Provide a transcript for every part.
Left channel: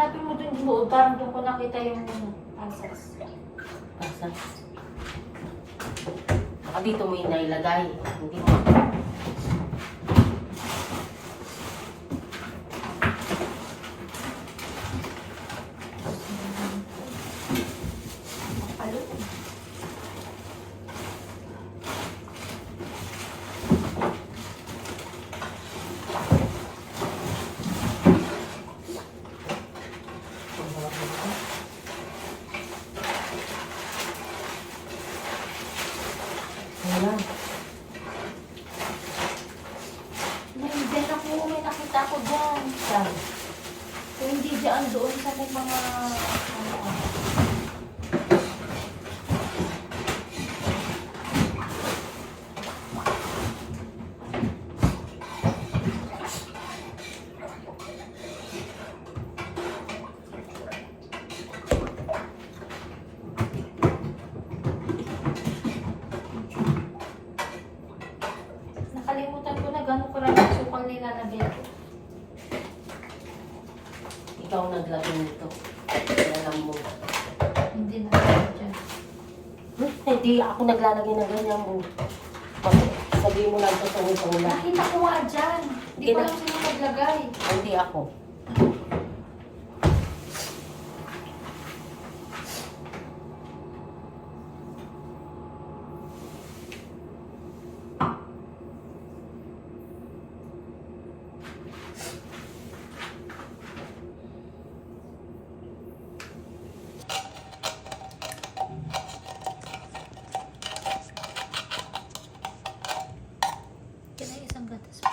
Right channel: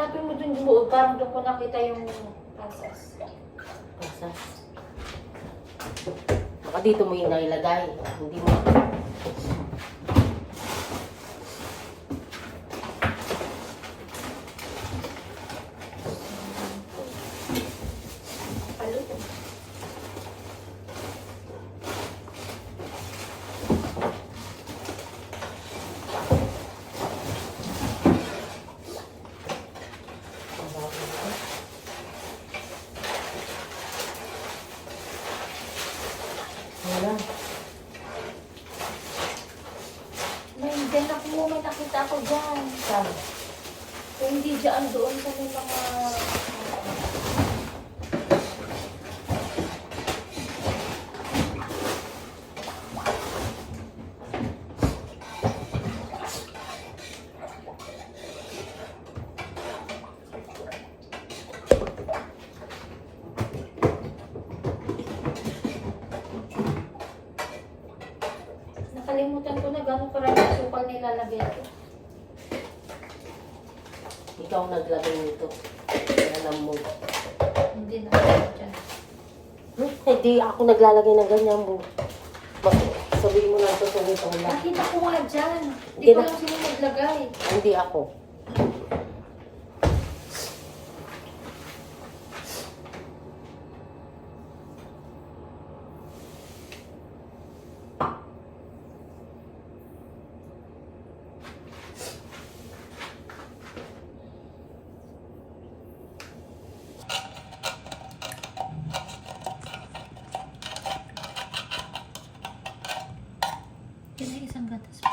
Hanapin mo dun yung buod, parang doon ko nakita yung pasas. Pasas. Baka dito mo yung nailagay. Hindi mo. Wala. May nakita ako dyan. Saan? Kung hindi dyan doon sa may mga... Nakalimutan ko na gano'ng karaming sukal nilalagay ko. Ikaw naglagay nito. Alam mo. Hindi na ako dyan. Hindi ako naglalagay ng ganyan mo. Sabihin mo lang totoo sa ulan. Nakita ko nga dyan. Hindi ko lang sila naglagay. Hindi ako. Yan ay isang gatas po.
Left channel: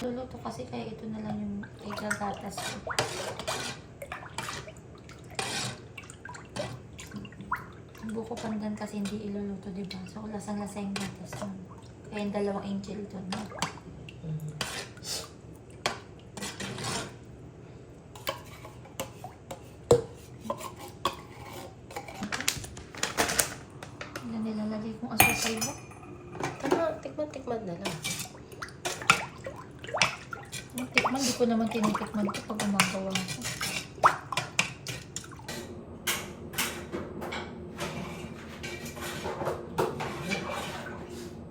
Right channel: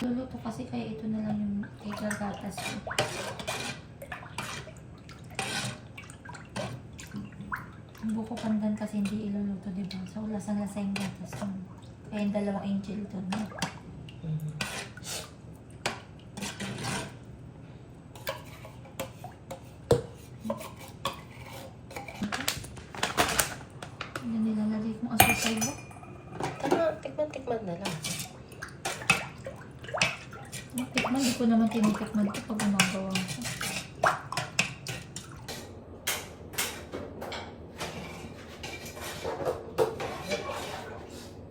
Luluto kasi kaya ito na lang yung igagatas ko. Ang buko pandan kasi hindi iluluto, diba? So, lasang-lasa yung gatas mo. Kaya yung 2 angel ito, no? Yan nilalagay kong asukal mo. Tikman na lang. Yung tikman, di ko naman tinitikman ito pag gumagawa ko.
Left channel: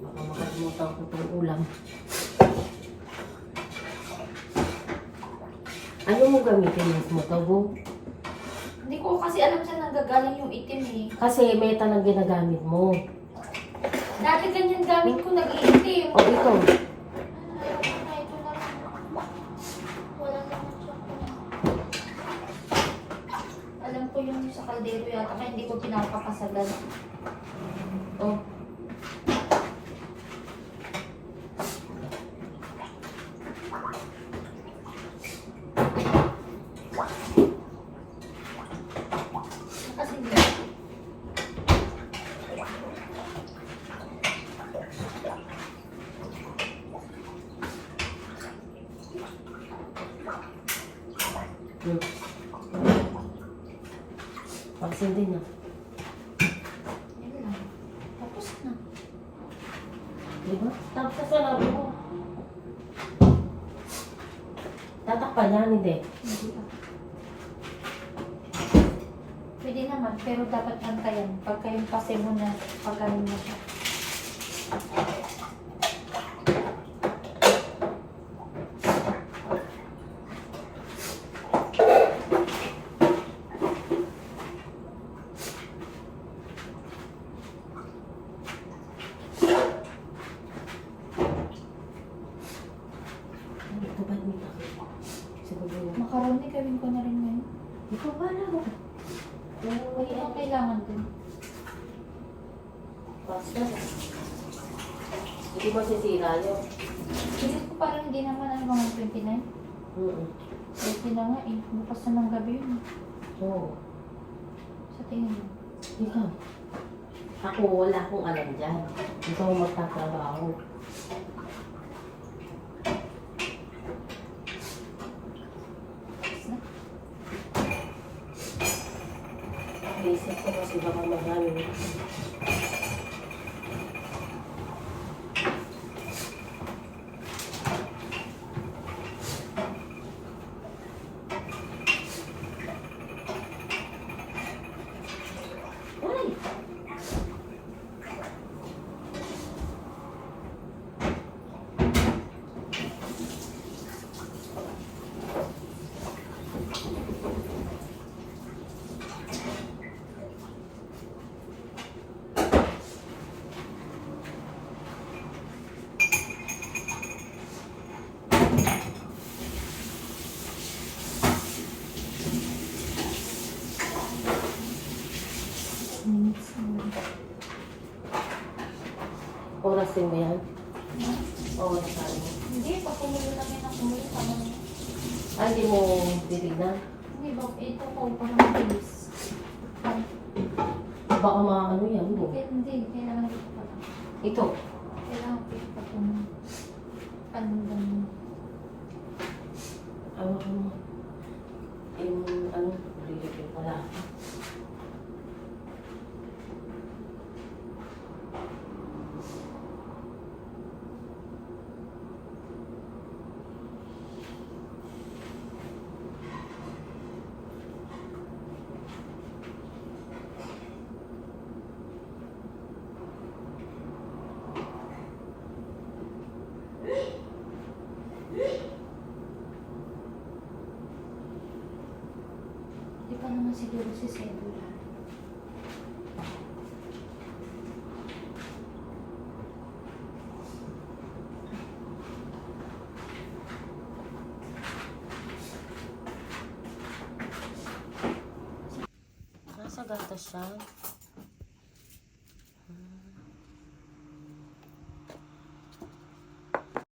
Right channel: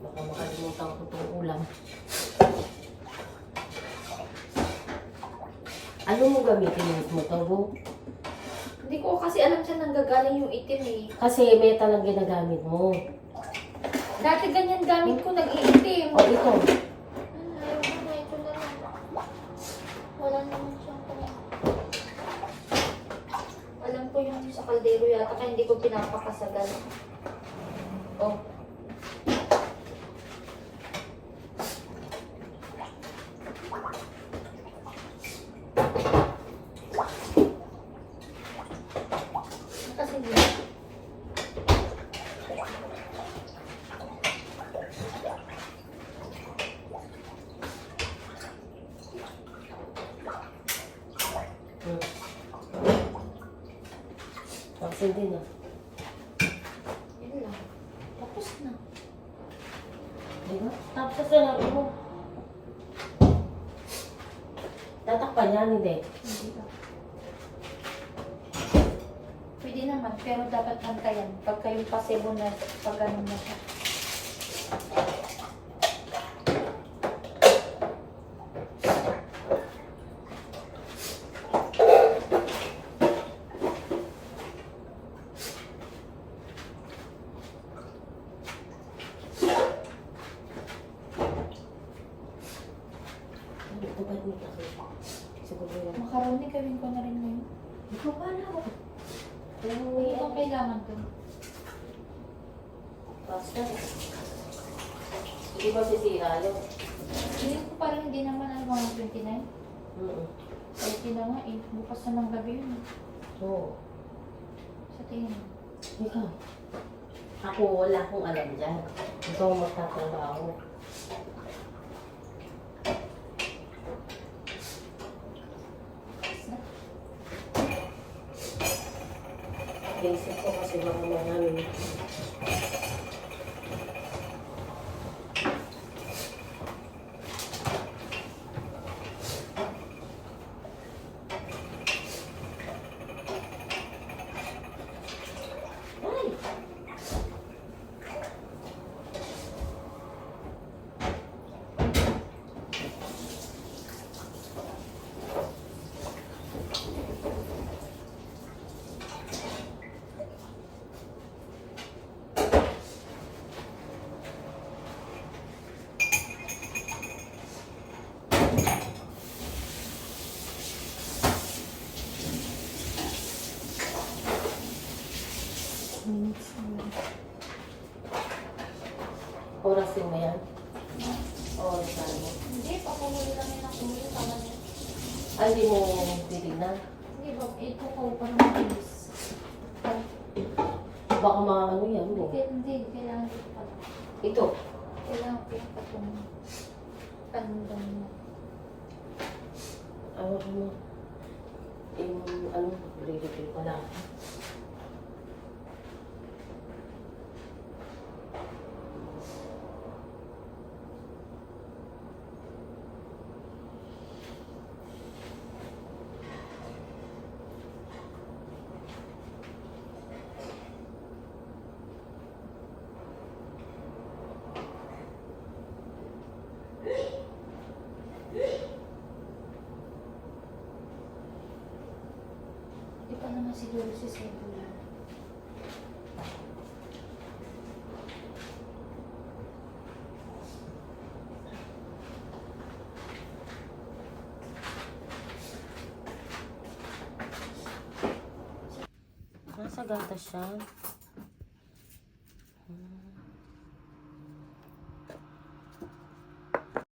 Baka makalimutan ko itong ulam. Ano mo gamitin mo ito? Hindi ko kasi alam saan nanggagaling yung itim eh. Kasi meta lang ginagamit mo. Dati ganyan gamit ko, nag-iitim. O ito. Ayaw ko na, ito na lang. Wala naman siya. Alam ko yung sa kaldero yata, kaya hindi ko pinapakasalan. Oh. Kasi hindi. Pansin din ah. Yan lang. Tapos na. Diba? Tapos na lang mo. Tatakpan yan, hindi. Hindi ba? Pwede naman, pero dapat antayan. Pagka yung pasibo na, pagka na siya. Macaroni, gawin ko na rin ngayon. Ikaw ba na? Ano ang kailangan dun? Pasta. Hindi ba sisira yun? Hindi ko parang hindi naman ano, 29. Pwede na nga eh. Bukas na ng gabi yun. Oo. Sa tingin mo. Ikaw. Ako wala akong alam dyan. Ikaw magtatrabaho. Naisip ko kasi baka marami. Testing mo yan? Oo, saan? Hindi, pag pumili kami na pumili pa man. Ay, hindi mo titignan? Hindi ba, ito ko parang mabilis. Baka maano yan mo. Hindi, kailangan pa. Ito. Kailangan pa kung panundan mo. Ano mo? Yung ano, relative pala. Di pa naman siguro si Cedula. Nasa gatas siya.